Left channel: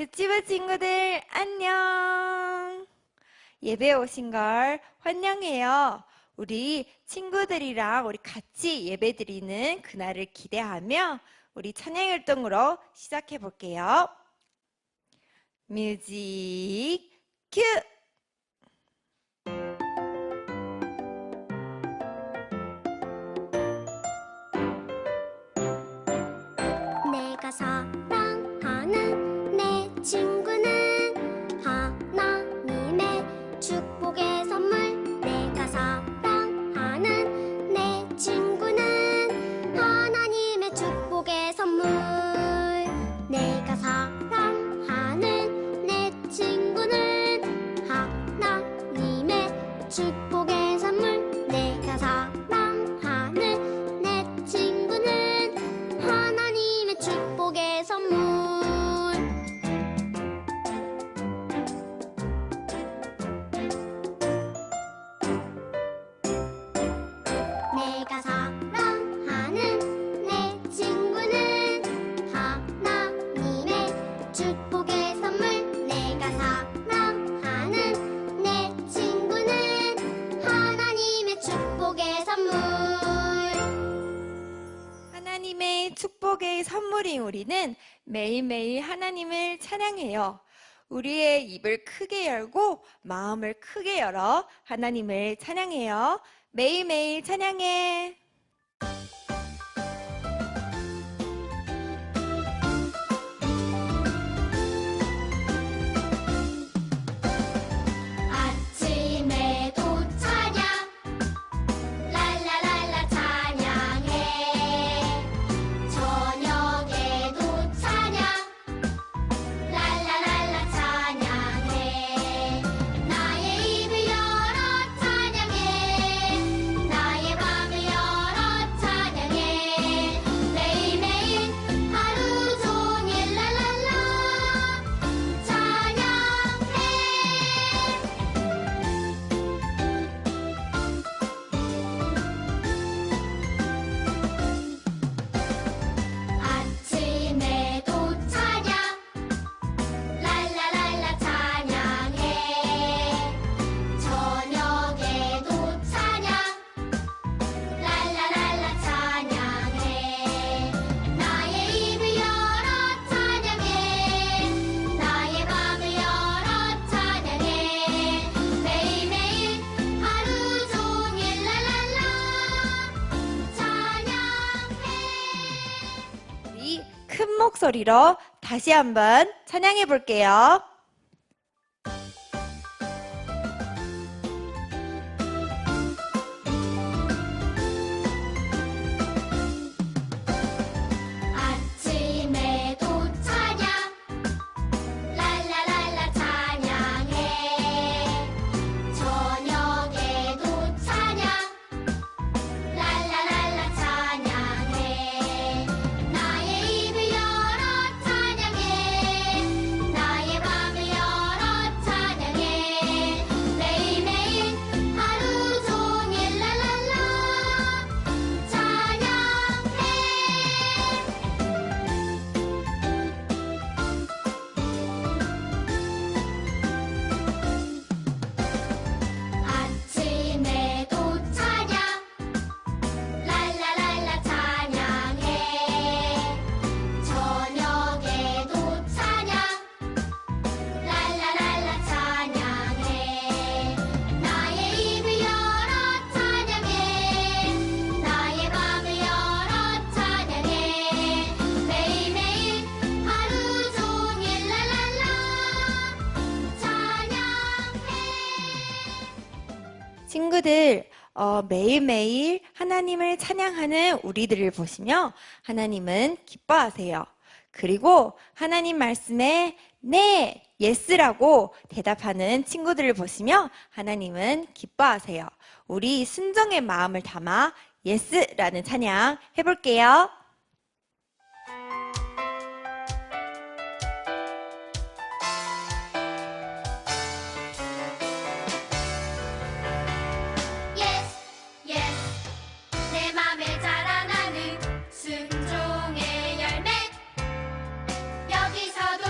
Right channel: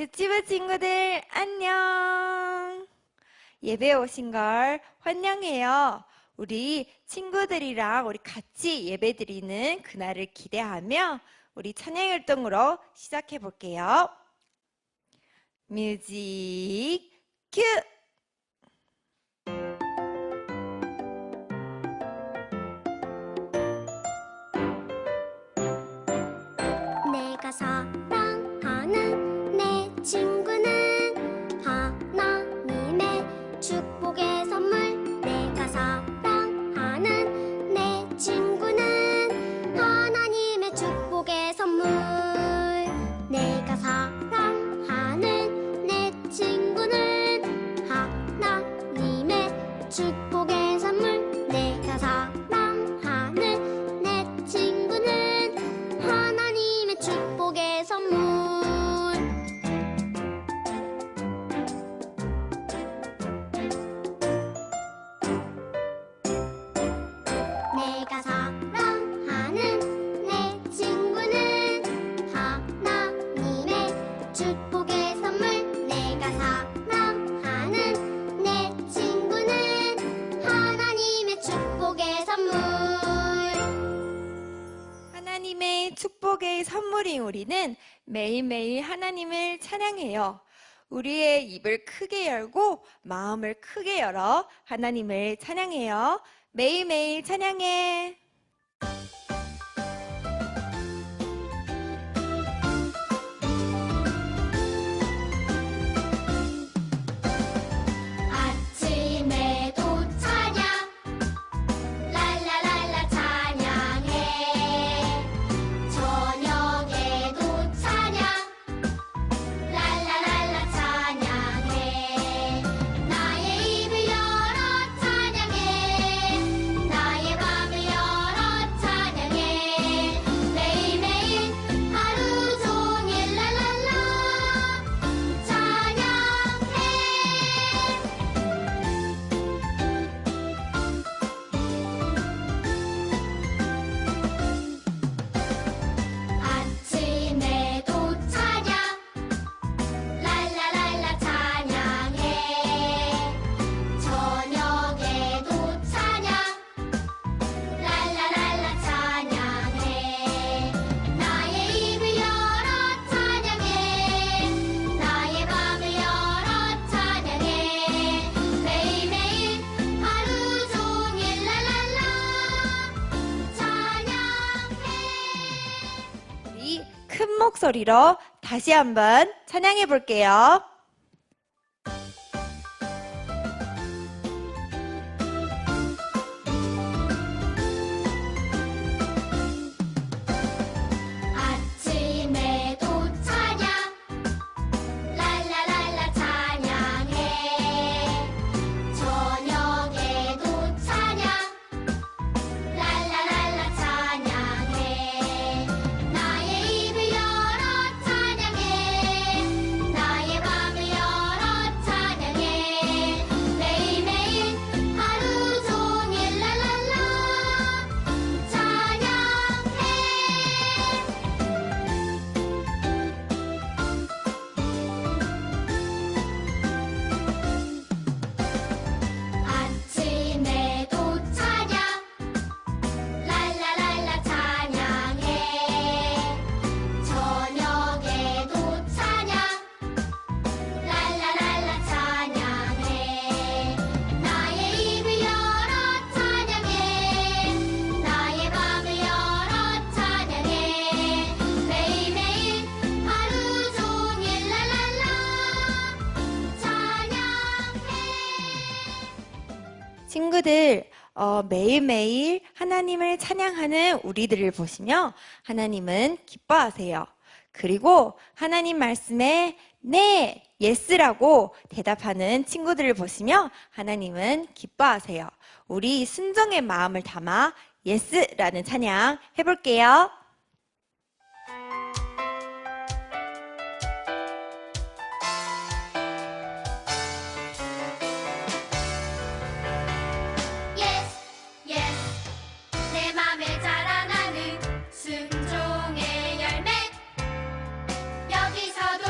유치부 친구들 안녕. 예배 오신 걸 환영해요. 우리 친구들이랑 우리 같이 예배 드리는 그날을 기대하며 우리 찬양 활동으로 시작해 볼게요. 뮤직 큐! 내가 사랑하는 내 친구는 하나님의 축복의 선물. 내가 사랑하는 내 친구는 하나님의 축복의 선물. 내가 사랑하는 내 친구는 하나님의 축복의 선물. 내가 사랑하는 내 친구는 하나님의 축복의 선물. 내가 사랑하는 내 친구는 하나님의 축복의 선물. 내가 사랑하는 내 친구는 하나님의 축복의 선물. 하나님의 축복의 선물인 우리는 매일매일 하나님을 찬양해요. 우리의 입을 크게 열고 마음을 크게 열어 하나님을 찬양해요. 매일매일 찬양해. 아침에도 찬양, 랄라랄라 찬양해. 저녁에도 찬양, 랄라랄라 찬양해. 나의 입을 열어 찬양해. 나의 맘을 열어 찬양해. 매일매일 하루 종일 랄랄라 찬양해. 아침에도 찬양, 랄라랄라 찬양해. 저녁에도 찬양, 랄라랄라 찬양해. 나의 입을 열어 찬양해. 나의 맘을 열어 찬양해. 매일매일 하루 종일 랄랄라 찬양해. 우리 큰 목소리로 다시 한번 찬양해 볼게요. 아침에도 찬양, 랄라랄라 찬양해. 저녁에도 찬양, 랄라랄라 찬양해. 나의 입을 열어 찬양해. 나의 맘을 열어 찬양해. 매일매일 하루 종일 랄랄라 찬양해. 아침에도 찬양, 랄라랄라 찬양해. 저녁에도 찬양, 랄라랄라 찬양해. 나의 입을 열어 찬양해. 나의 맘을 열어 찬양해. 매일매일 하루 종일 랄랄라 찬양해. 친구들, 매일매일 하나님을 찬양하는 우리들을 보시며 하나님은 기뻐하세요. 그리고 하나님 말씀에 네, 예스라고 대답하는 친구들을 보시며 하나님은 기뻐하세요. 우리 순종의 마음을 담아 예스라는 찬양 해볼게요. Yes, yes. 내 맘에 자라나는 순종의 열매. 여기서도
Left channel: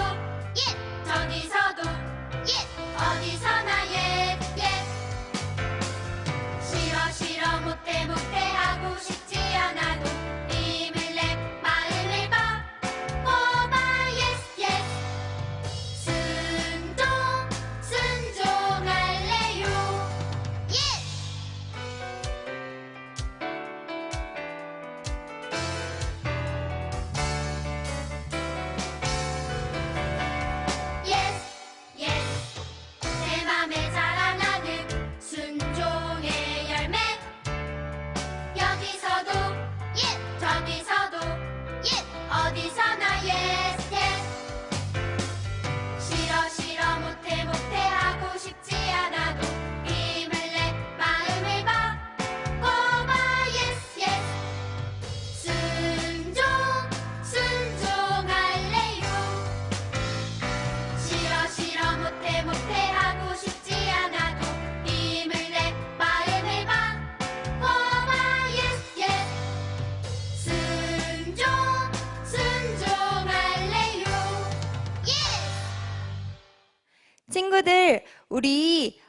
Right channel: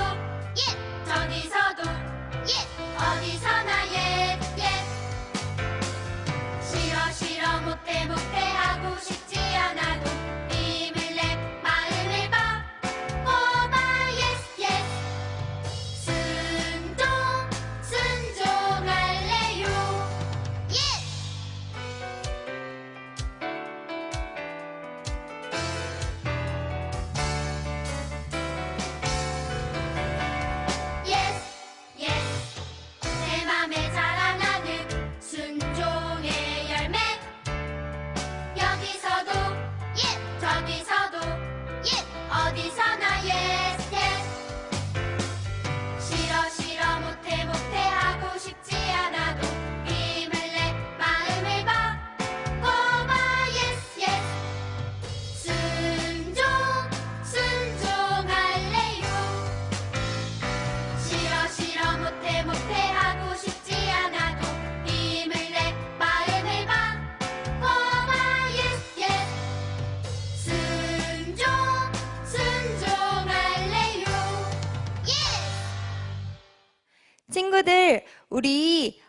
친구들, 우리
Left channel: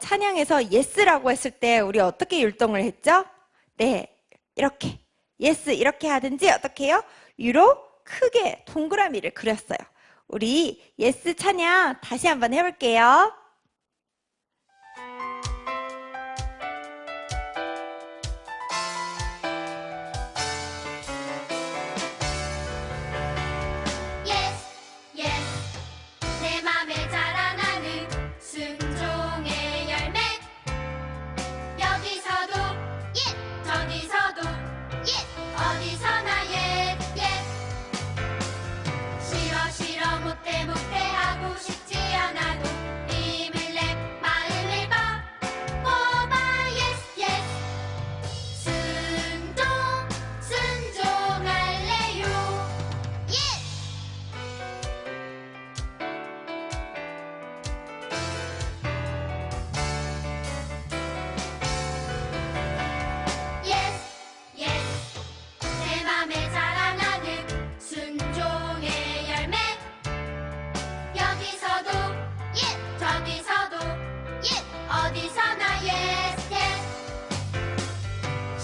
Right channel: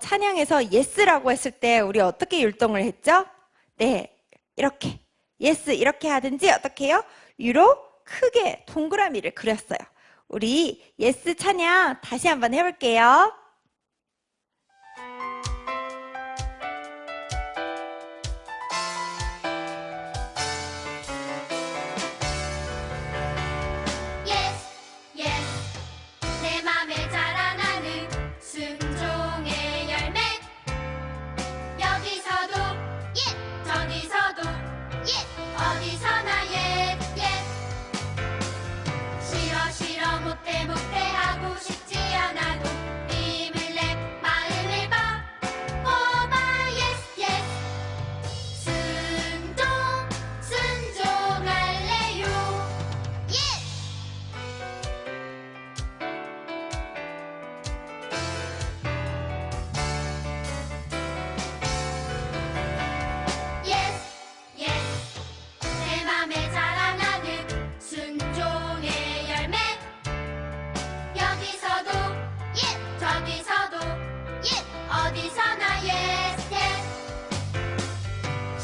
찬양에서 예스라고 했을 때 우리 어떻게 율동을 했죠? 네, 이렇게 예스 이렇게 하든지 어떻게 해요? 유로 크게 동그라미를 그렸어요. 우리 예스 찬양 다시 한번 해볼게요. Yes, yes. 내 맘에 자라나는 순종의 열매. 여기서도 예, 저기서도 예, 어디서나 예, 예. 싫어 싫어 못해 못해 하고 싶지 않아도 힘을 내 마음을 바꿔봐. Yes, yes. 순종 순종할래요. Yes. Yes, yes. 내 맘에 자라나는 순종의 열매. 여기서도 예, 저기서도 예, 어디서나 yes, yes.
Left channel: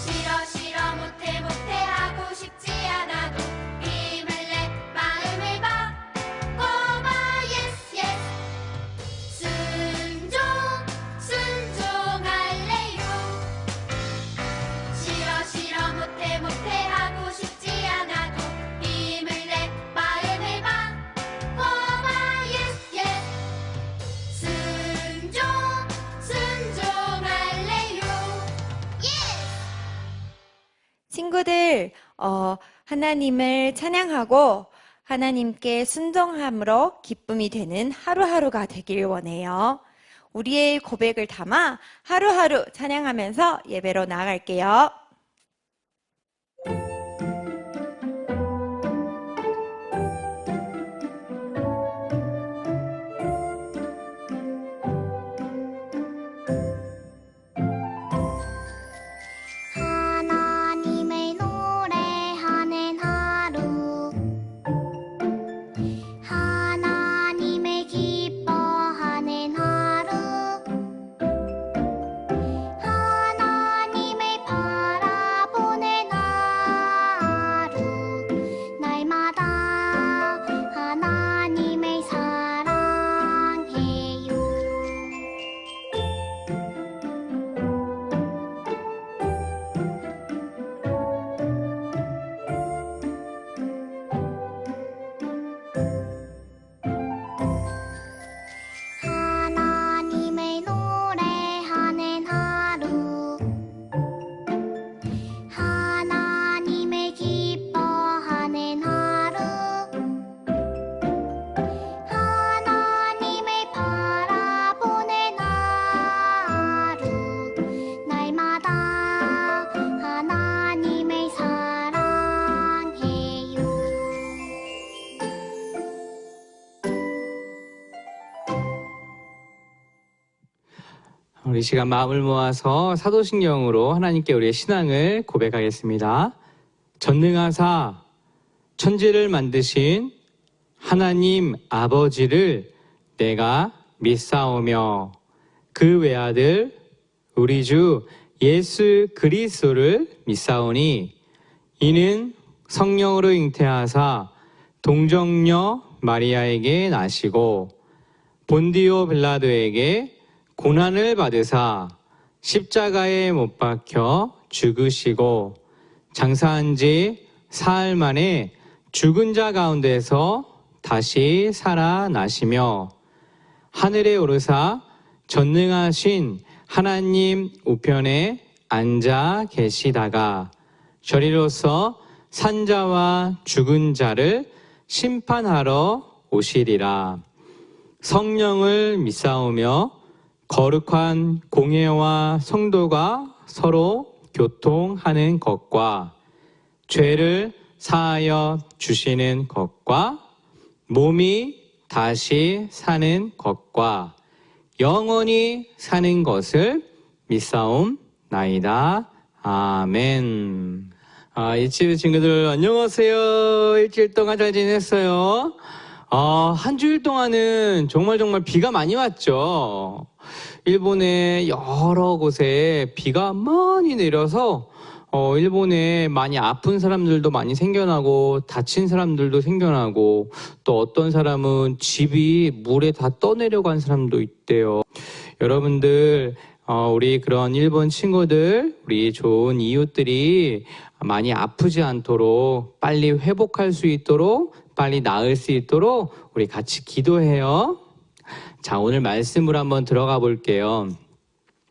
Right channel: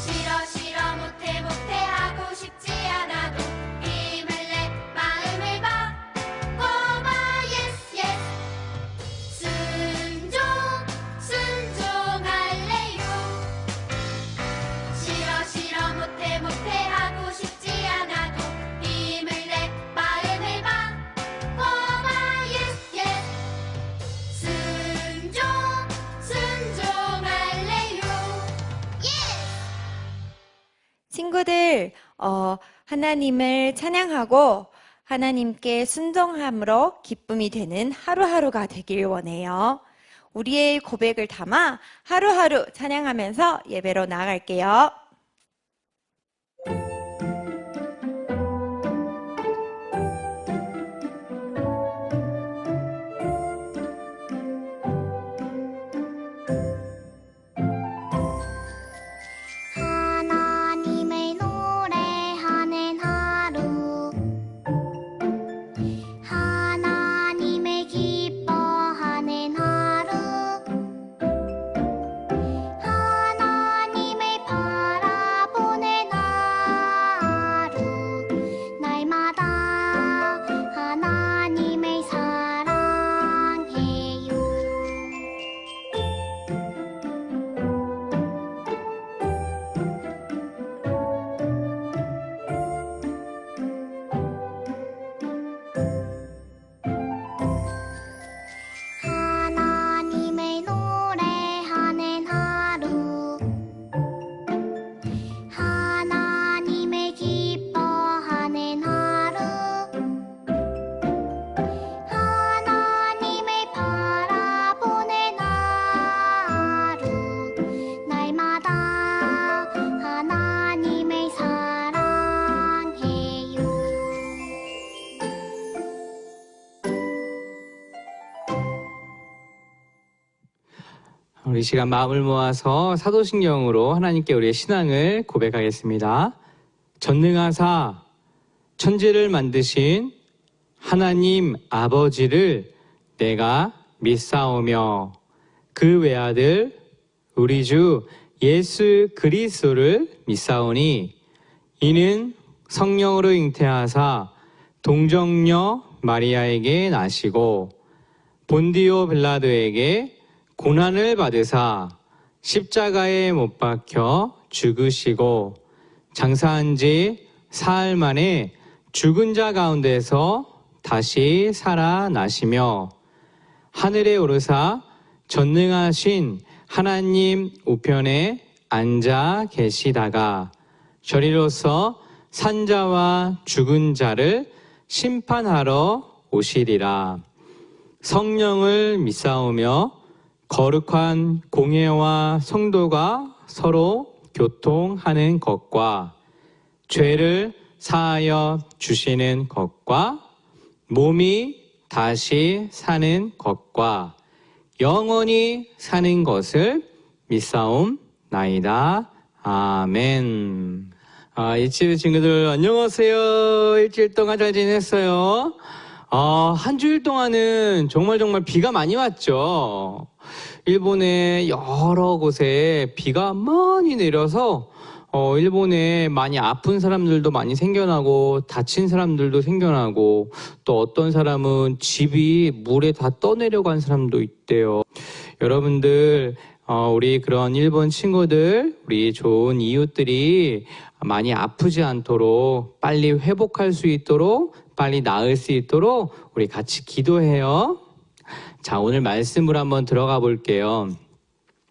싫어 싫어 못해 못해 하고 싶지 않아도 힘을 내 마음을 바꿔봐. Yes, yes. 순종 순종할래요. 싫어 싫어 못해 못해 하고 싶지 않아도 힘을 내 마음을 바꿔봐. Yes, yes. 순종 순종할래요. Yes. 친구들, 하나님을 찬양하고 하나님께 순종함으로 기쁨이 되는 하루하루가 되길 원해요. 우리의 고백을 담아 하루하루 찬양하면서 예배로 나아갈게요. 하나님의 노래하는 하루. 하나님의 기뻐하는 하루. 하나님의 바라보는 하루. 날마다 하나님을 사랑해요. 하나님의 노래하는 하루. 하나님의 기뻐하는 하루. 하나님을 바라보는 하루. 날마다 하나님을 사랑해요. 우리 시간 마음을 모아서 사도신경으로 하나님께 우리의 신앙을 고백하겠습니다. 전능하사 천지를 만드신 하나님 아버지를 내가 믿사오며 그 외아들 우리 주 예수 그리스도를 믿사오니 이는 성령으로 잉태하사 동정녀 마리아에게 나시고 본디오 빌라도에게 고난을 받으사 십자가에 못 박혀 죽으시고 장사한 지 사흘 만에 죽은 자 가운데서 다시 살아나시며 하늘에 오르사 전능하신 하나님 우편에 앉아 계시다가 저리로서 산자와 죽은 자를 심판하러 오시리라. 성령을 믿사오며 거룩한 공회와 성도가 서로 교통하는 것과 죄를 사하여 주시는 것과 몸이 다시 사는 것과 영원히 사는 것을 믿사옵나이다. 아멘. 일주일 친구들 안녕하세요. 일주일 동안 잘 지냈어요? 한 주일 동안은 정말 비가 많이 왔죠. 일본의 여러 곳에 비가 많이 내려서 일본에 많이 아픈 사람들도 많이 생겨나고 다친 사람들도 생겨나고 또 어떤 사람은 집이 물에 다 떠내려간 사람도 있대요. 여러분들 우리 그런 일본 친구들, 우리 좋은 이웃들이 많이 아프지 않도록 빨리 회복할 수 있도록 빨리 나을 수 있도록 우리 같이 기도해요. 자, 오늘 말씀으로 한번 들어가 볼게요.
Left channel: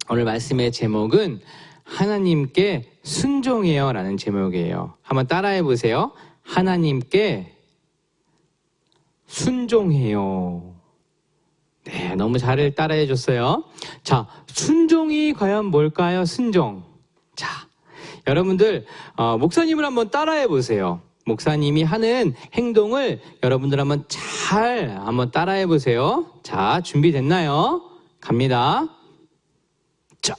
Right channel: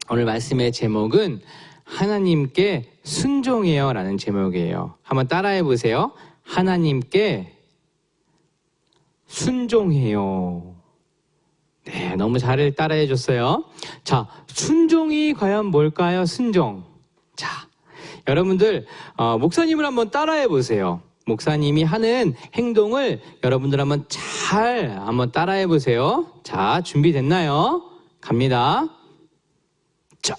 오늘 말씀의 제목은 하나님께 순종해요 라는 제목이에요. 한번 따라해 보세요. 하나님께 순종해요. 네, 너무 잘 따라해 줬어요. 자, 순종이 과연 뭘까요? 순종. 자, 여러분들 목사님을 한번 따라해 보세요. 목사님이 하는 행동을 여러분들 한번 따라해 보세요. 자, 준비됐나요? 갑니다. 자,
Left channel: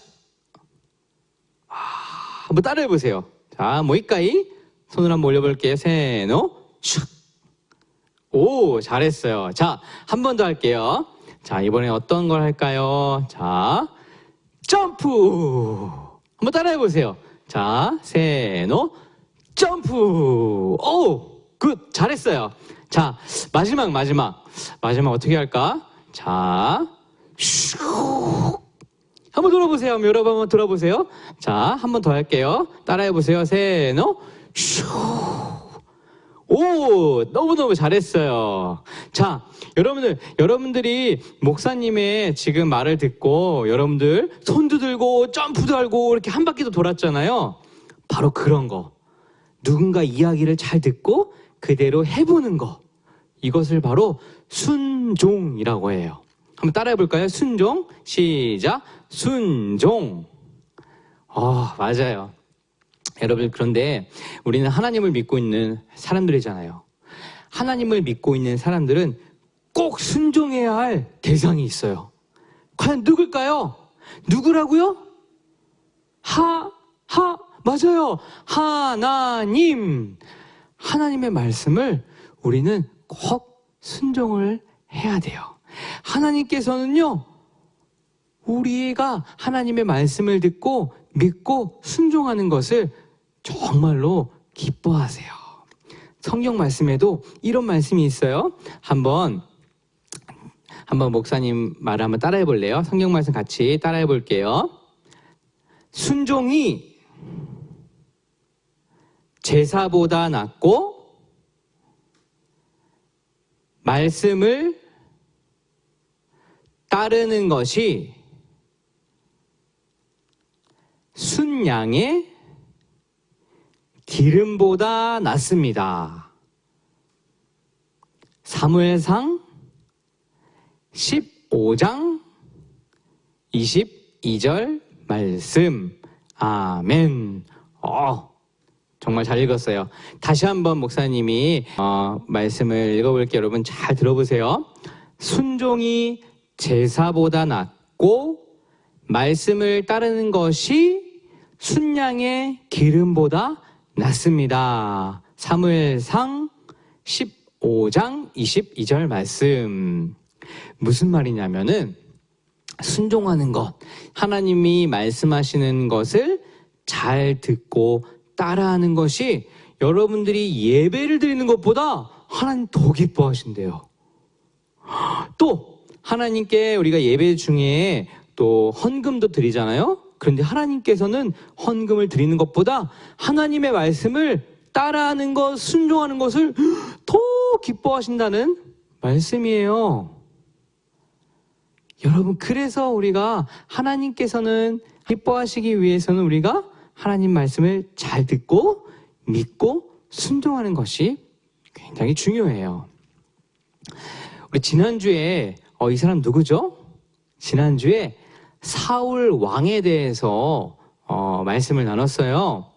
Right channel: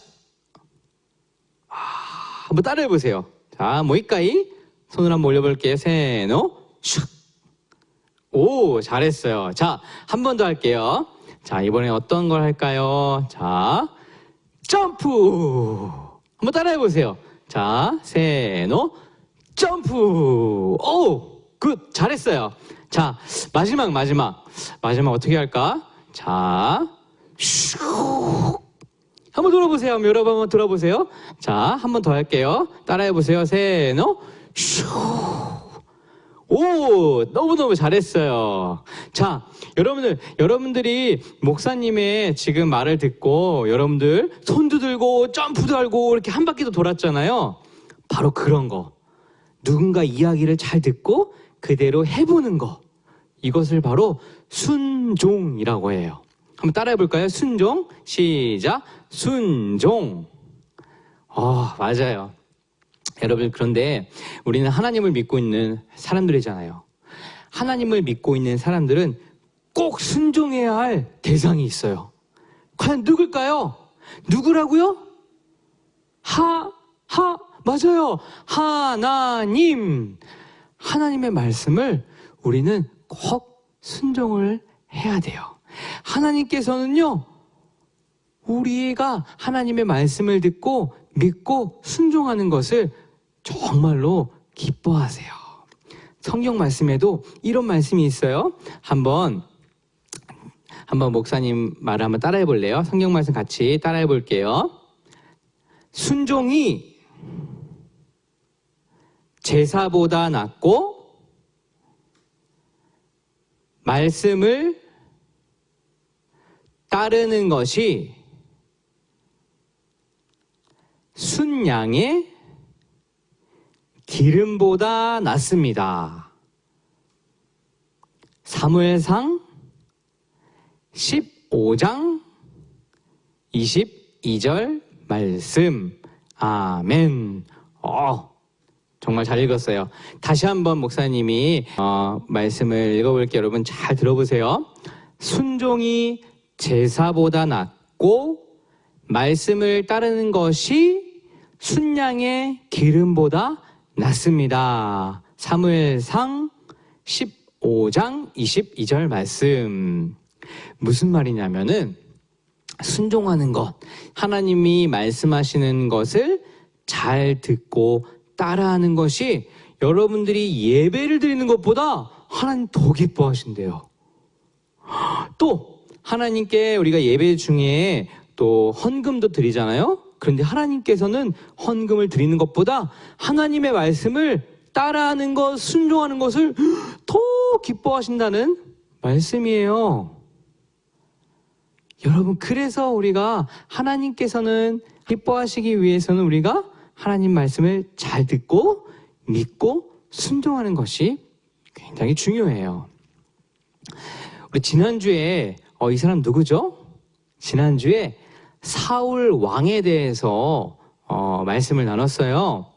한번 따라해 보세요. 자, 모이까이 손을 한번 올려볼게요. 세노 슉. 오, 잘했어요. 자, 한 번 더 할게요. 자, 이번에 어떤 걸 할까요? 자, 점프. 한번 따라해 보세요. 자, 세노 점프. 오, 굿, 잘했어요. 자, 마지막 어떻게 할까? 자, 슉. 한번 들어보세요. 여러분 한번 들어보세요. 자, 한 번 더 할게요. 따라해 보세요. 세노 슉. 오, 너무너무 잘했어요. 자, 여러분들이 목사님의 지금 말을 듣고 여러분들 손도 들고 점프도 하고 이렇게 한 바퀴도 돌았잖아요. 바로 그런 거. 누군가 이야기를 잘 듣고 그대로 해보는 거. 이것을 바로 순종이라고 해요. 한번 따라해 볼까요? 순종. 시작. 순종. 맞아요. 여러분, 그런데 우리는 하나님을 믿고 있는 사람들이잖아요. 하나님을 믿고 있는 사람들은 꼭 순종해야 할 대상이 있어요. 과연 누굴까요? 누구라고요? 맞아요. 하나님. 하나님의 말씀을 우리는 꼭 순종을 해야 돼요. 하나님께서는요, 우리가 하나님의 말씀을 듣고 믿고 순종하는 것을 정말로 기뻐하세요. 성경 말씀에도 이런 말씀이 있어요. 한번 목사님 말을 한번 따라해 볼래요? 성경 말씀 같이 따라해 볼게요. 순종이 제사보다 낫고 말씀을 따르는 것이 순양의 기름보다 낫습니다. 사무엘상 15장 22절 말씀. 아멘. 정말 잘 읽었어요. 다시 한번 목사님이 말씀을 읽어볼게요. 여러분 잘 들어보세요. 순종이 제사보다 낫고 말씀을 따르는 것이 순양의 기름보다 낫습니다. 사무엘상 15장 22절 말씀. 무슨 말이냐면은 순종하는 것, 하나님이 말씀하시는 것을 잘 듣고 따라하는 것이 여러분들이 예배를 드리는 것보다 하나님 더 기뻐하신대요. 또 하나님께 우리가 예배 중에 또 헌금도 드리잖아요. 그런데 하나님께서는 헌금을 드리는 것보다 하나님의 말씀을 따라하는 것, 순종하는 것을 더 기뻐하신다는 말씀이에요. 여러분, 그래서 우리가 하나님께서는 기뻐하시기 위해서는 우리가 하나님 말씀을 잘 듣고 믿고 순종하는 것이 굉장히 중요해요. 우리 지난주에 이 사람 누구죠? 지난주에 사울 왕에 대해서 말씀을 나눴어요.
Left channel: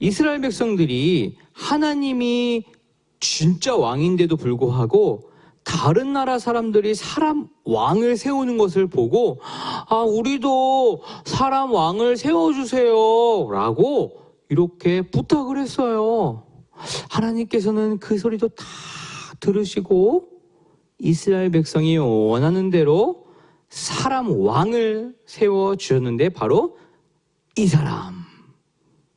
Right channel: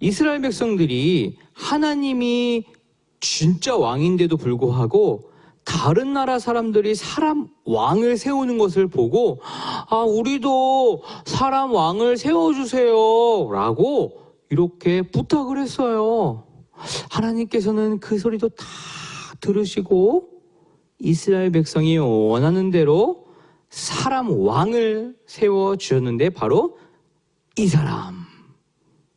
이스라엘 백성들이 하나님이 진짜 왕인데도 불구하고 다른 나라 사람들이 사람 왕을 세우는 것을 보고 우리도 사람 왕을 세워주세요 라고 이렇게 부탁을 했어요. 하나님께서는 그 소리도 다 들으시고 이스라엘 백성이 원하는 대로 사람 왕을 세워주셨는데 바로 이 사람,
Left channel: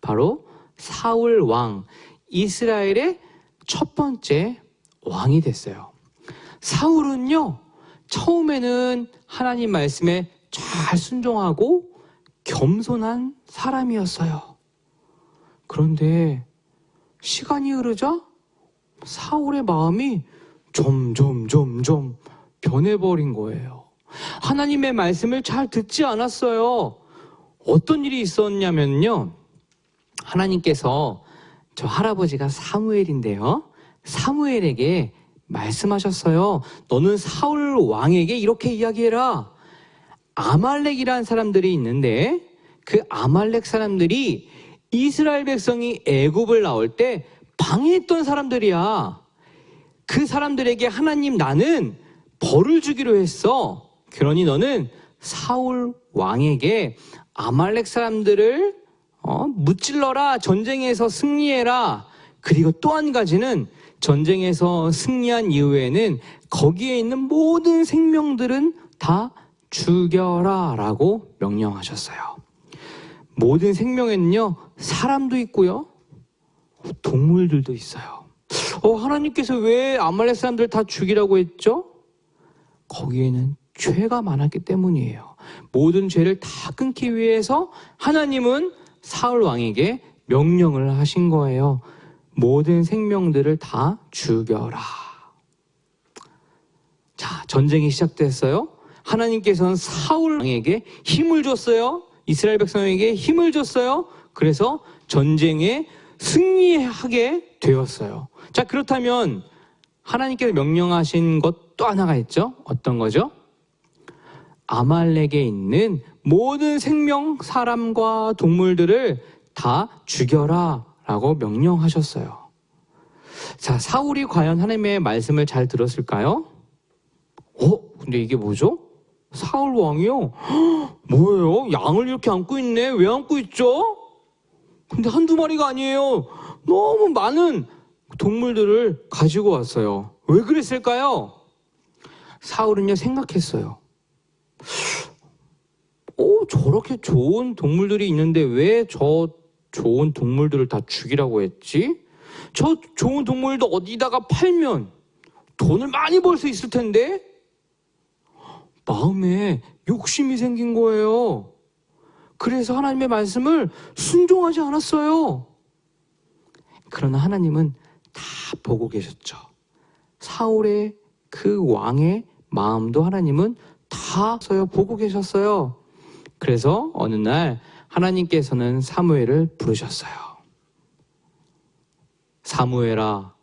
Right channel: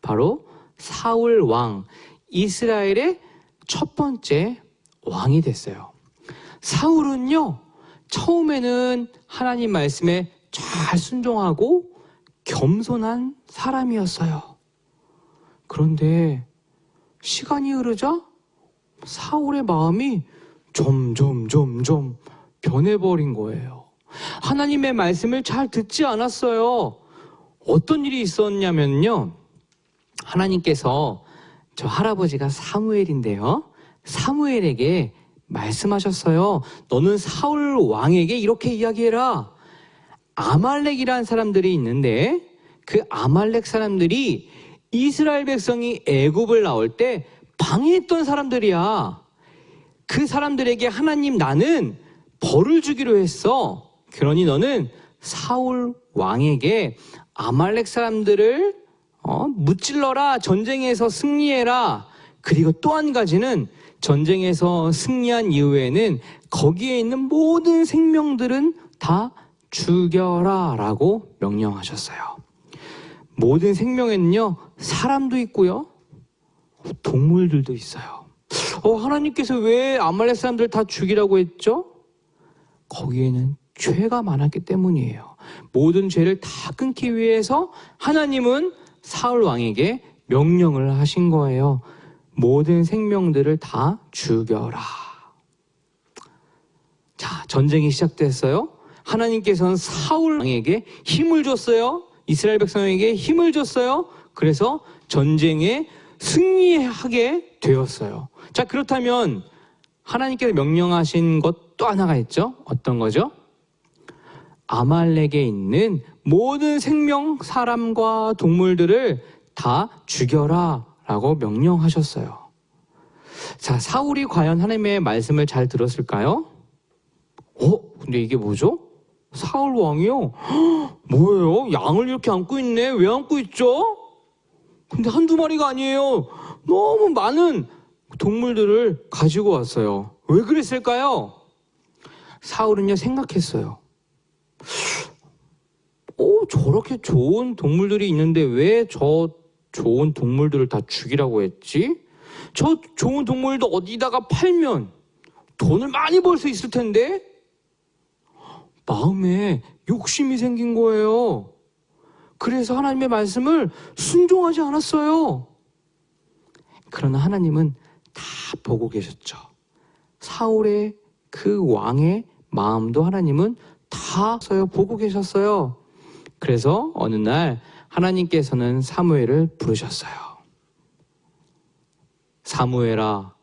바로 사울 왕, 이스라엘의 첫 번째 왕이 됐어요. 사울은요, 처음에는 하나님 말씀에 잘 순종하고 겸손한 사람이었어요. 그런데 시간이 흐르자 사울의 마음이 점점 변해버린 거예요. 하나님의 말씀을 잘 듣지 않았어요. 어떤 일이 있었냐면요, 하나님께서 저 할아버지가 사무엘인데요, 사무엘에게 말씀하셨어요. 너는 사울 왕에게 이렇게 이야기해라. 아말렉이라는 사람들이 있는데 그 아말렉 사람들이 이스라엘 백성이 애굽을 나올 때 방해했던 사람들이야. 그 사람들에게 하나님 나는 벌을 주기로 했어. 그러니 너는 사울 왕에게 아말렉 사람들을 무찔러라. 전쟁에서 승리해라. 그리고 또 한 가지는 전쟁에서 승리한 이후에는 거기에 있는 모든 생명들은 다 죽여라 라고 명령하셨어요. 모든 생명에는요, 사람도 있고요, 동물들도 있어요. 하나님께서 왜 아말렉 사람들 다 죽이라고 했죠? 거기에는 죄가 많았기 때문이에요. 모든 죄를 다 끊기 위해서 하나님은 사울 왕에게 명령을 하신 거예요. 모든 생명들을 다 죽여라. 자, 전쟁이 시작됐어요. 하나님께서는 사울 왕에게 힘을 줬어요. 이스라엘 백성에게 힘을 줬어요. 그래서 전쟁에 승리하게 되었어요. 자, 그렇다면 하나님께서 명령하신 것 또 하나가 있죠. 어떤 거죠? 아말렉에 있는 모든 생명, 사람과 동물들을 다 죽여라 라고 명령하셨어요. 자, 사울이 과연 하나님의 말씀을 잘 들었을까요? 근데 이게 뭐죠? 사울 왕이요? 뭐예요? 양을 이렇게 안고 있네. 왜 안고 있죠? 근데 한두 마리가 아니에요. 너무 많은 동물들을 가지고 왔어요. 왜 그랬을까요? 사울은요, 생각했어요. 저렇게 좋은 동물들이 있는데 왜 저 좋은 동물들을 다 죽이라고 했지? 저 좋은 동물도 어디다가 팔면 돈을 많이 벌 수 있을 텐데? 마음에 욕심이 생긴 거예요. 그래서 하나님의 말씀을 순종하지 않았어요. 그러나 하나님은 다 보고 계셨죠. 사울의 그 왕의 마음도 하나님은 다 보고 계셨어요. 그래서 어느 날 하나님께서는 사무엘을 부르셨어요. 사무엘아,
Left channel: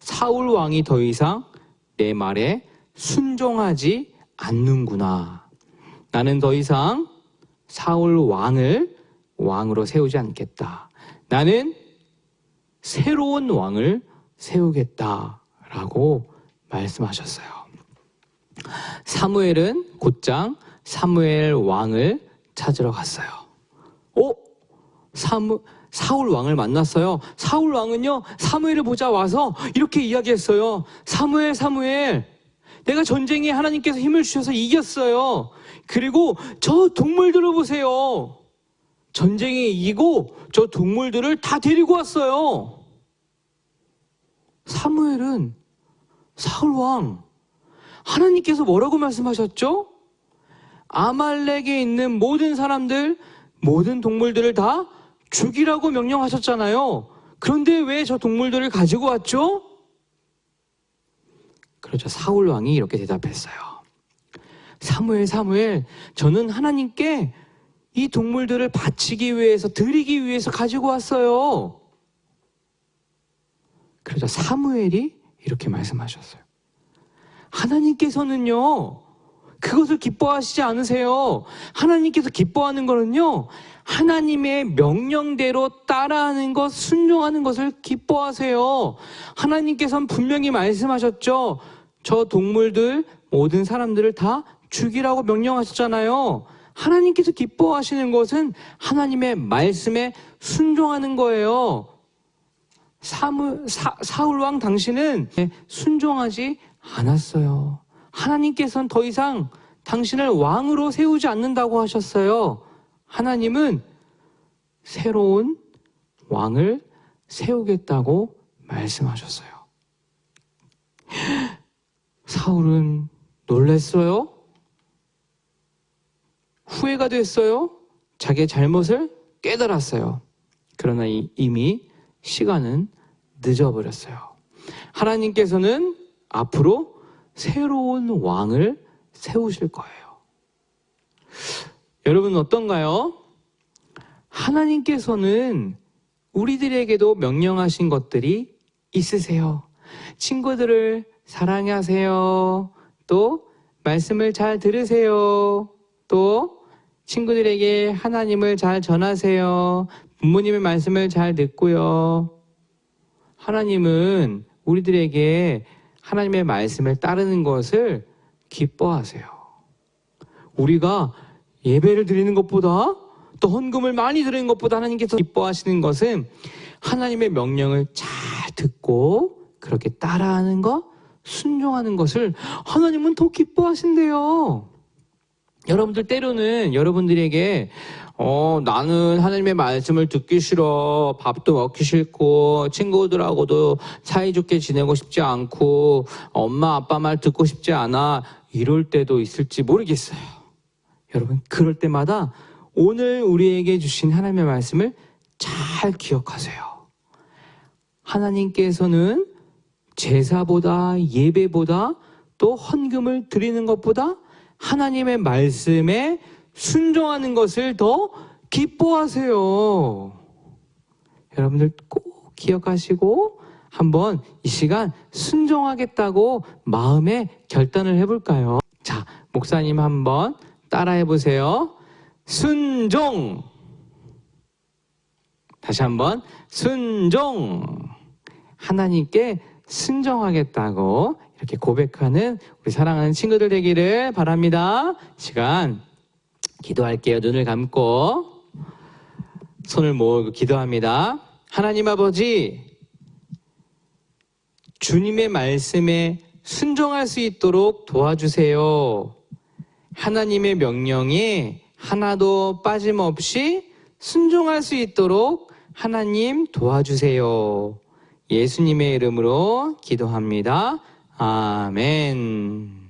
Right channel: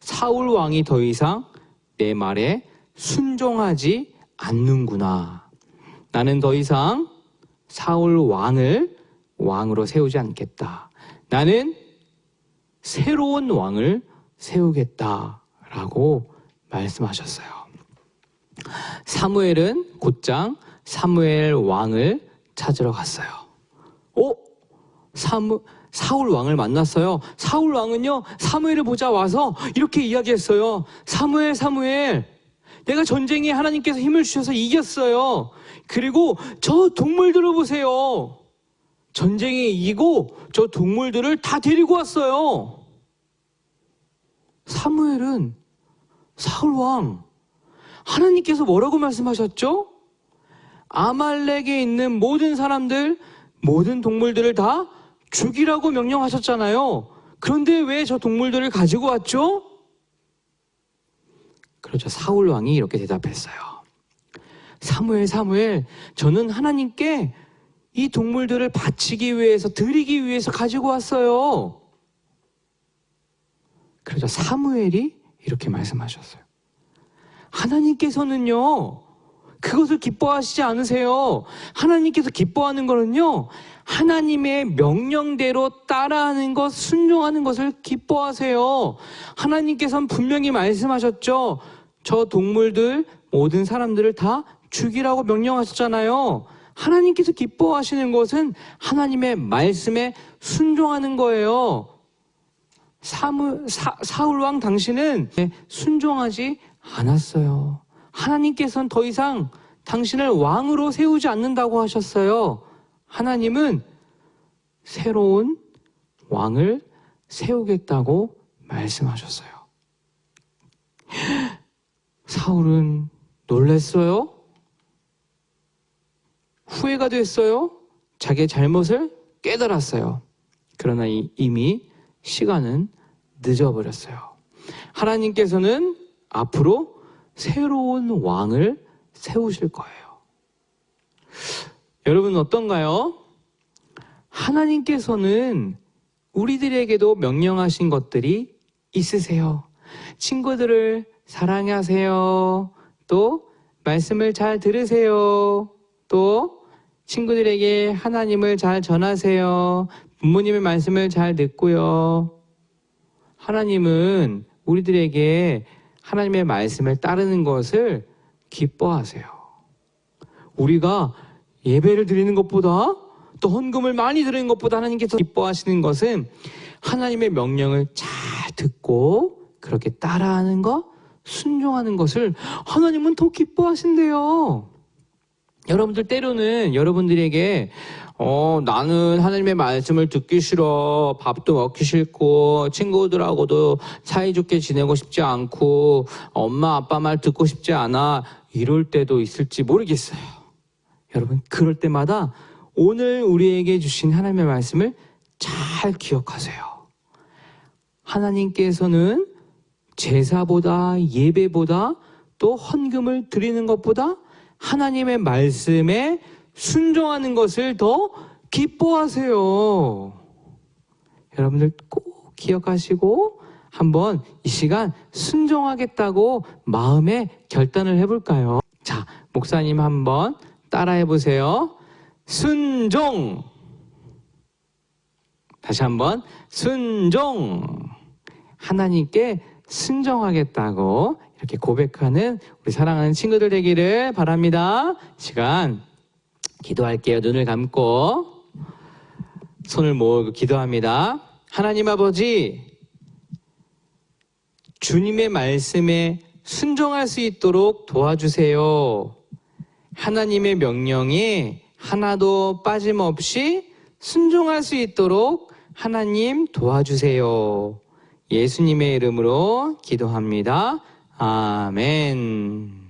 사울 왕이 더 이상 내 말에 순종하지 않는구나. 나는 더 이상 사울 왕을 왕으로 세우지 않겠다. 나는 새로운 왕을 세우겠다라고 말씀하셨어요. 사무엘은 곧장 사무엘 왕을 찾으러 갔어요. 사울 왕을 만났어요. 사울 왕은요, 사무엘을 보자 와서 이렇게 이야기했어요. 사무엘, 사무엘, 내가 전쟁에 하나님께서 힘을 주셔서 이겼어요. 그리고 저 동물들을 보세요. 전쟁에 이기고 저 동물들을 다 데리고 왔어요. 사무엘은 사울 왕, 하나님께서 뭐라고 말씀하셨죠? 아말렉에 있는 모든 사람들, 모든 동물들을 다 죽이라고 명령하셨잖아요. 그런데 왜 저 동물들을 가지고 왔죠? 그렇죠. 사울 왕이 이렇게 대답했어요. 사무엘, 사무엘, 저는 하나님께 이 동물들을 바치기 위해서, 드리기 위해서 가지고 왔어요. 그래서 사무엘이 이렇게 말씀하셨어요. 하나님께서는요, 그것을 기뻐하시지 않으세요. 하나님께서 기뻐하는 거는요, 하나님의 명령대로 따라하는 것, 순종하는 것을 기뻐하세요. 하나님께서는 분명히 말씀하셨죠. 저 동물들, 모든 사람들을 다 죽이라고 명령하셨잖아요. 하나님께서 기뻐하시는 것은 하나님의 말씀에 순종하는 거예요. 사울 왕 당신은 순종하지 않았어요. 하나님께서는 더 이상 당신을 왕으로 세우지 않는다고 하셨어요. 하나님은 새로운 왕을 세우겠다고 말씀하셨어요. 사울은 놀랐어요. 후회가 됐어요. 자기의 잘못을 깨달았어요. 그러나 이미 시간은 늦어버렸어요. 하나님께서는 앞으로 새로운 왕을 세우실 거예요. 여러분 어떤가요? 하나님께서는 우리들에게도 명령하신 것들이 있으세요. 친구들을 사랑하세요. 또 말씀을 잘 들으세요. 또 친구들에게 하나님을 잘 전하세요. 부모님의 말씀을 잘 듣고요. 하나님은 우리들에게 하나님의 말씀을 따르는 것을 기뻐하세요. 우리가 예배를 드리는 것보다 또 헌금을 많이 드리는 것보다 하나님께서 기뻐하시는 것은 하나님의 명령을 잘 듣고 그렇게 따라하는 것, 순종하는 것을 하나님은 더 기뻐하신대요. 여러분들 때로는 여러분들에게 나는 하나님의 말씀을 듣기 싫어. 밥도 먹기 싫고 친구들하고도 사이좋게 지내고 싶지 않고 엄마 아빠 말 듣고 싶지 않아. 이럴 때도 있을지 모르겠어요. 여러분 그럴 때마다 오늘 우리에게 주신 하나님의 말씀을 잘 기억하세요. 하나님께서는 제사보다 예배보다 또 헌금을 드리는 것보다 하나님의 말씀에 순종하는 것을 더 기뻐하세요. 여러분들 꼭 기억하시고 한번 이 시간 순종하겠다고 마음에 결단을 해볼까요? 자, 목사님 한번 따라해 보세요. 순종. 다시 한번 순종. 하나님께 순종하겠다고 이렇게 고백하는 우리 사랑하는 친구들 되기를 바랍니다. 시간 기도할게요. 눈을 감고 손을 모으고 기도합니다. 하나님 아버지, 주님의 말씀에 순종할 수 있도록 도와주세요. 하나님의 명령에 하나도 빠짐없이 순종할 수 있도록 하나님 도와주세요. 예수님의 이름으로 기도합니다. 아멘.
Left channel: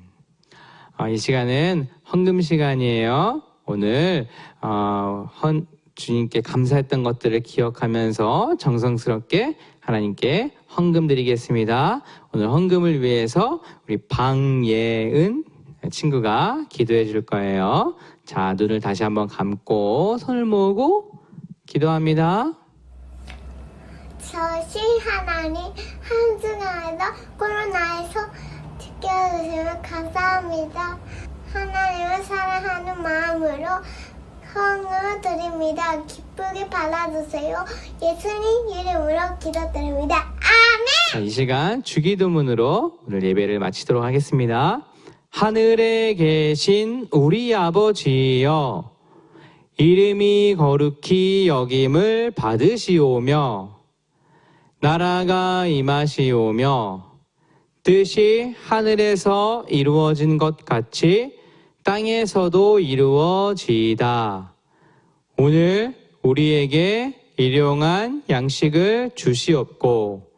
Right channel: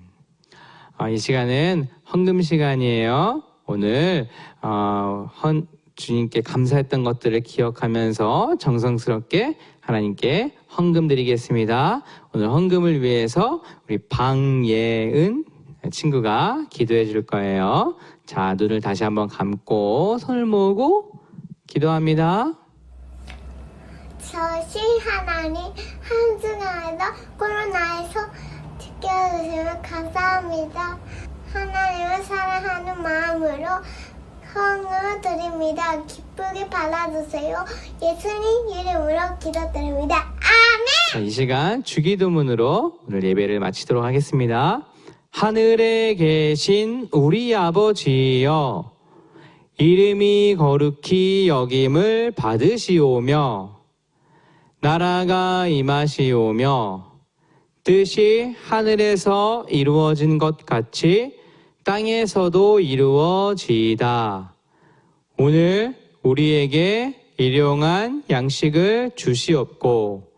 이 시간은 헌금 시간이에요. 오늘 주님께 감사했던 것들을 기억하면서 정성스럽게 하나님께 헌금 드리겠습니다. 오늘 헌금을 위해서 우리 방예은 친구가 기도해 줄 거예요. 자, 눈을 다시 한번 감고 손을 모으고 기도합니다. 저신 하나님, 한 주간에도 코로나에서 지켜주시면 감사합니다. 하나님을 사랑하는 마음으로 헌금을 드립니다. 기쁘게 받아주세요. 예수님 이름으로 기도드립니다. 아멘! 자, 이 시간 주기도문으로 오늘 예배를 마치도록 하겠습니다. 하늘에 계신 우리 아버지여, 이름이 거룩히 여김을 받으시오며 나라가 임하시오며 뜻이 하늘에서 이루어진 것 같이 땅에서도 이루어지이다. 오늘 우리에게 일용할 양식을 주시옵고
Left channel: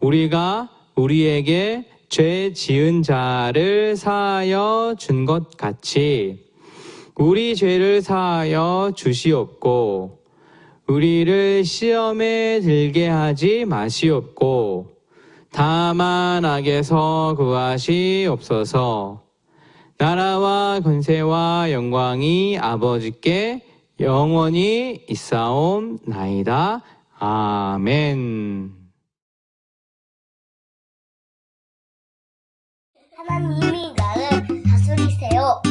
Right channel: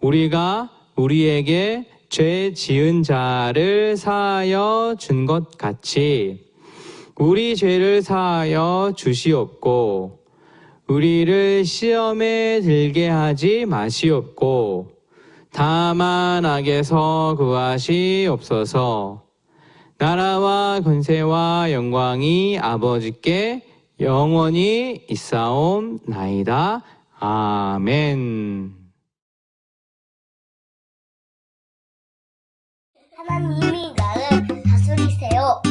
우리가 우리에게 죄 지은 자를 사하여 준 것 같이 우리 죄를 사하여 주시옵고 우리를 시험에 들게 하지 마시옵고 다만 악에서 구하시옵소서. 나라와 권세와 영광이 아버지께 영원히 있사옵나이다. 아멘. 하나님이 나를 다스리세요.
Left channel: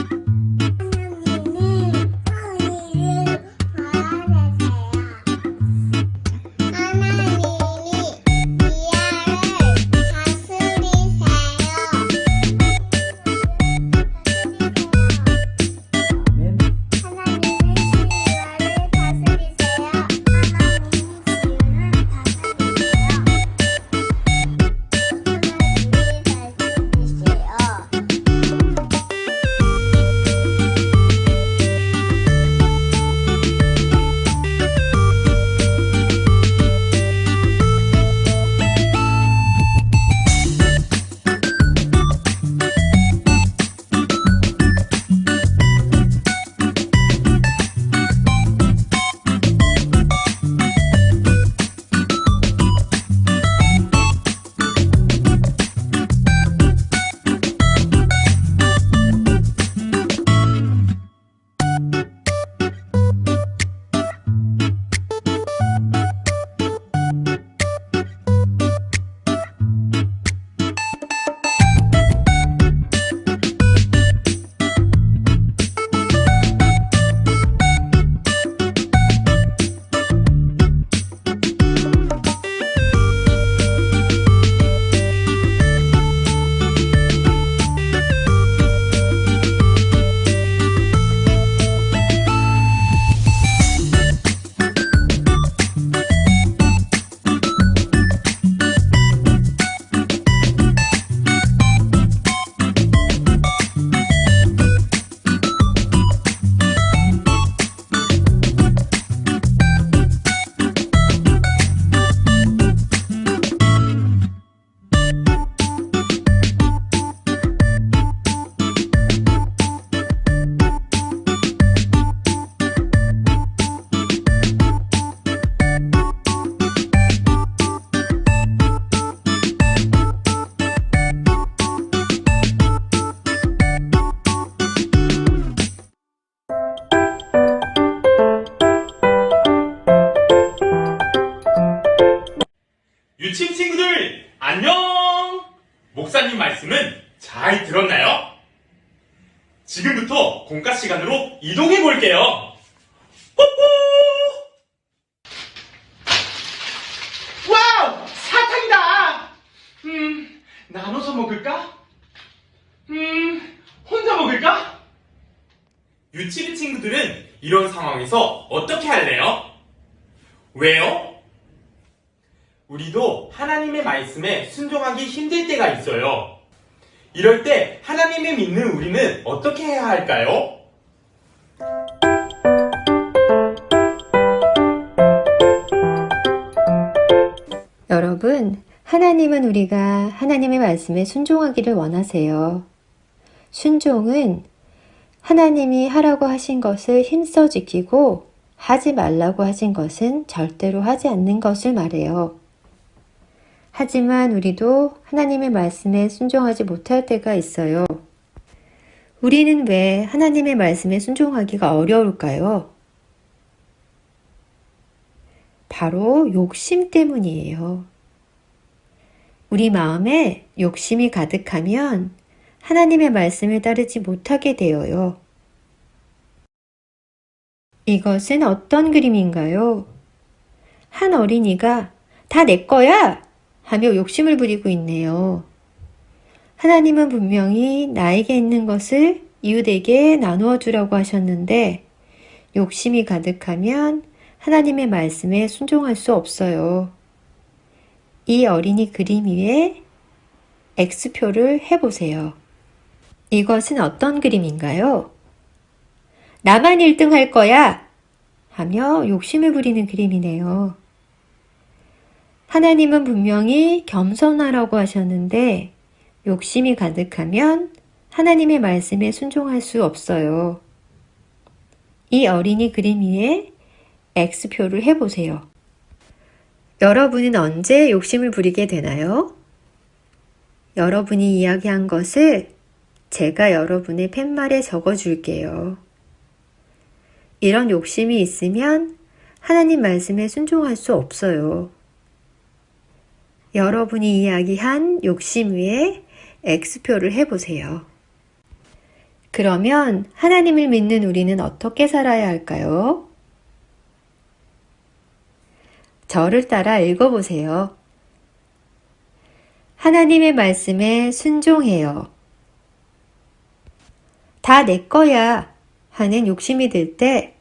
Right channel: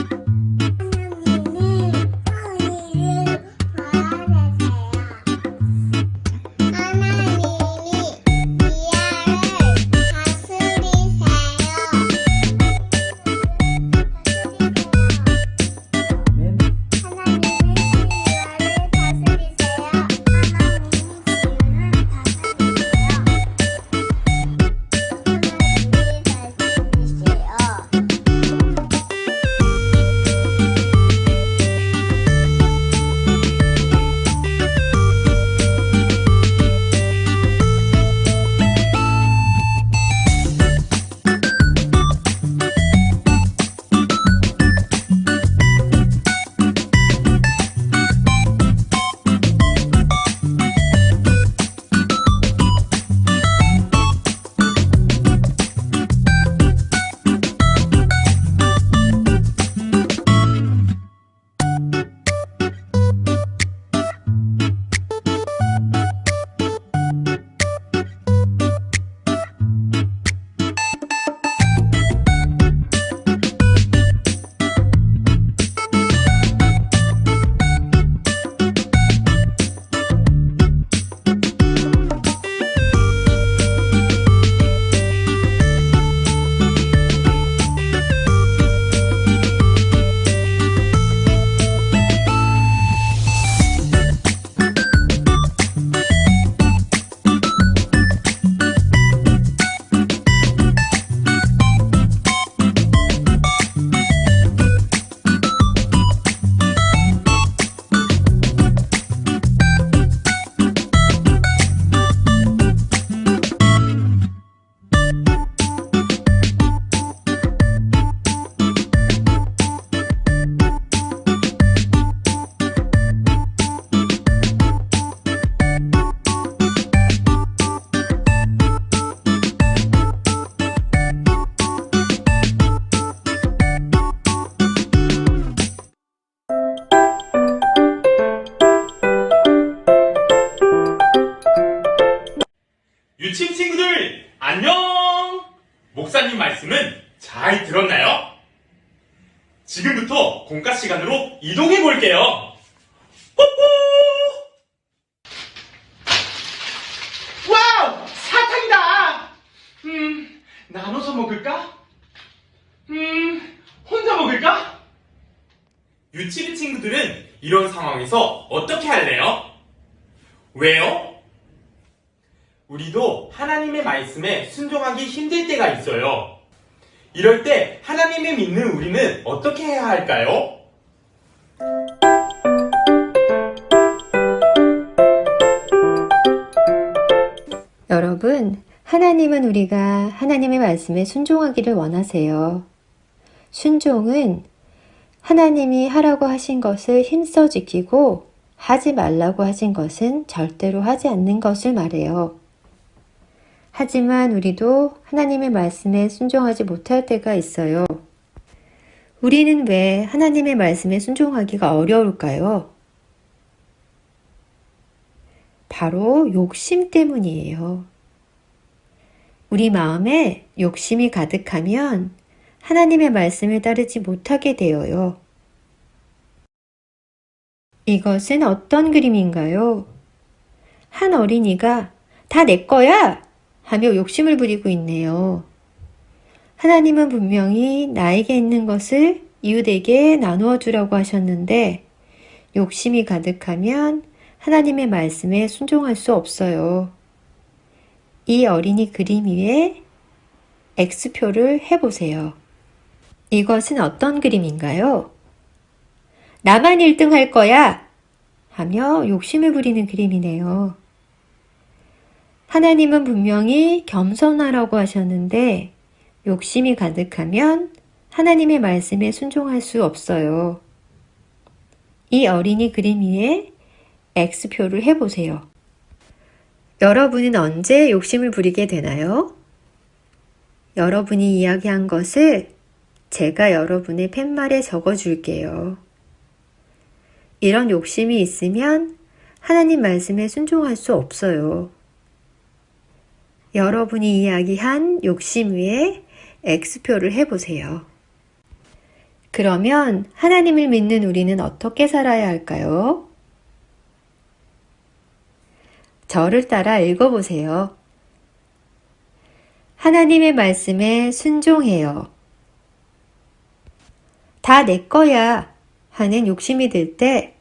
하나님이 하나님 말씀은 잘 들었나요? 지금부터 공과 시간으로 이동해 볼게요. 와우! 사탕이다! 나눠서 먹을까? 혼자 먹을까? 유치부 친구들은 이런 상황에서 어떻게 할래요? 왜요? 우리도 하나님의 말씀에 순종하기 힘들 때가 있어요. 이럴 때 하나님을 믿는 우리는 어떻게 해야 할까요? 여러분, 하나님은 우리가 하나님의 말씀에 순종하기를 원하세요. 순종은 하나님이 하라고 하신 것을 힘써 지키고 하지 말라고 하신 것은 절대로 하지 않는 것을 말해요. 하지만 우리도 하나님의 말씀에 순종하지 못할 때가 있어요. 우리는 왜 하나님의 말씀에 순종하기가 어려울까요? 바로 욕심 때문이에요. 우리 마음에 욕심이 가득하면 하나님의 말씀을 따르지 못하게 되어요. 이것은 어떤 그림인가요? 한 어린이가 다 내 거야! 하며 욕심을 부리고 있네요. 하나님은 분명히 나에게 있는 것을 이웃에게 나누어 주라고 하셨는데 욕심이 가득하면 하나님의 말씀에 순종할 수 없어요. 이 어린이 그림 위에 X표를 해보세요. 이것은 어떤 그림인가요? 나만 1등 할 거야! 하며 욕심을 부리는 그림이네요. 하나님은 분명히 겸손하라고 하셨는데 욕심이 가득하면 하나님의 말씀에 순종할 수 없어요. 이 어린이 그림 위에 X표를 해보세요. 여러분은 언제 욕심을 부리게 되나요? 여러분이 이야기한 것을 제가 여러분의 팻말에 적어줄게요. 이런 욕심이 있으면 하나님 말씀에 순종할 수 없어요. 여러분이 이야기한 욕심 위에 X표를 해보세요. 그러면 하나님을 믿는 우리는 어떻게 살아야 할까요? 저를 따라 읽어보세요. 하나님의 말씀에 순종해요. 다 내 거야 하는 욕심이 들 때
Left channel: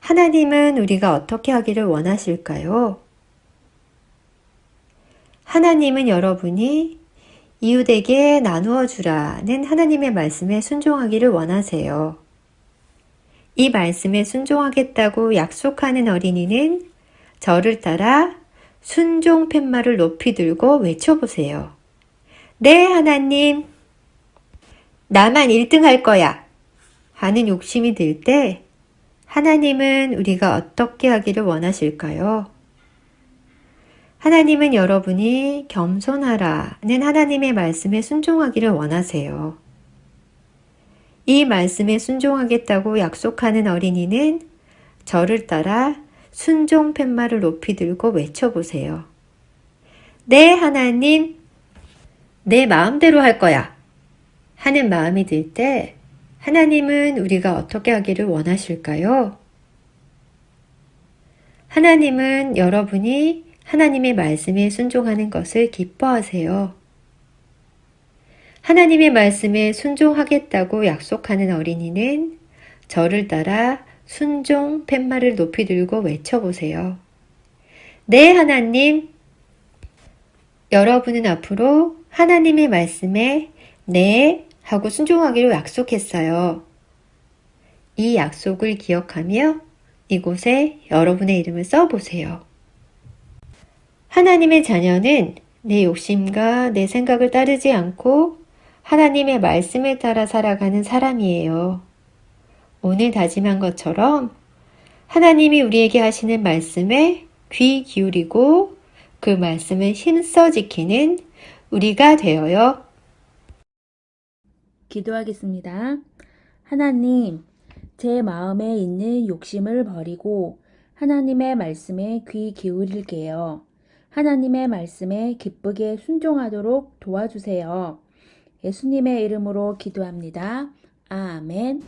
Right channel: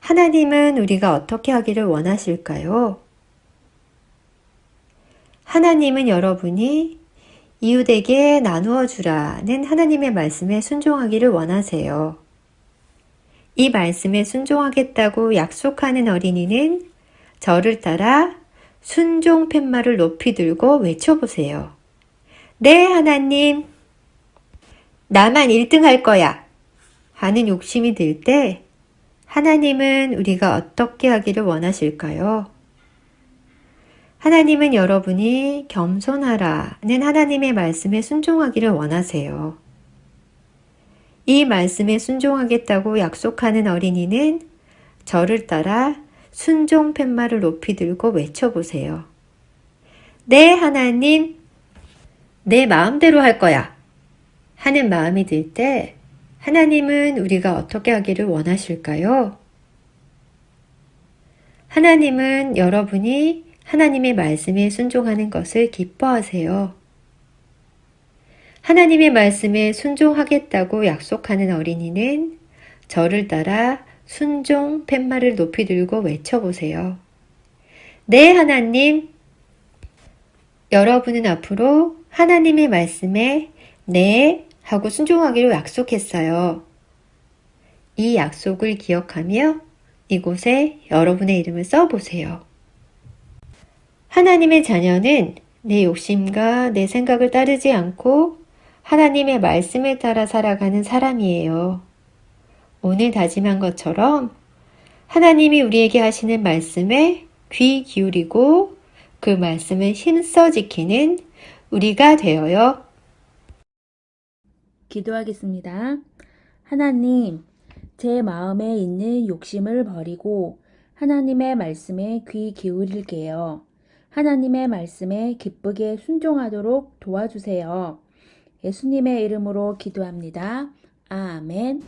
하나님은 우리가 어떻게 하기를 원하실까요? 하나님은 여러분이 이웃에게 나누어 주라는 하나님의 말씀에 순종하기를 원하세요. 이 말씀에 순종하겠다고 약속하는 어린이는 저를 따라 순종 팻말을 높이 들고 외쳐보세요. 네, 하나님. 나만 1등 할 거야. 하는 욕심이 들 때 하나님은 우리가 어떻게 하기를 원하실까요? 하나님은 여러분이 겸손하라는 하나님의 말씀에 순종하기를 원하세요. 이 말씀에 순종하겠다고 약속하는 어린이는 저를 따라 순종 팻말을 높이 들고 외쳐보세요. 네, 하나님. 내 마음대로 할 거야. 하는 마음이 들 때 하나님은 우리가 어떻게 하기를 원하실까요? 하나님은 여러분이 하나님의 말씀에 순종하는 것을 기뻐하세요. 하나님의 말씀에 순종하겠다고 약속하는 어린이는 저를 따라 순종 팻말을 높이 들고 외쳐보세요. 네, 하나님. 여러분은 앞으로 하나님의 말씀에 네 하고 순종하기로 약속했어요. 이 약속을 기억하며 이곳에 여러분의 이름을 써보세요. 하나님의 자녀는 내 욕심과 내 생각을 따르지 않고 하나님의 말씀을 따라 살아가는 사람이에요. 오늘 다짐한 것처럼 하나님이 우리에게 하시는 말씀에 귀 기울이고 그 말씀을 힘써 지키는 우리가 되어요. 기도하겠습니다. 하나님, 제 마음에 있는 욕심을 버리고 하나님의 말씀에 귀 기울일게요. 하나님의 말씀에 기쁘게 순종하도록 도와주세요. 예수님의 이름으로 기도합니다. 아멘.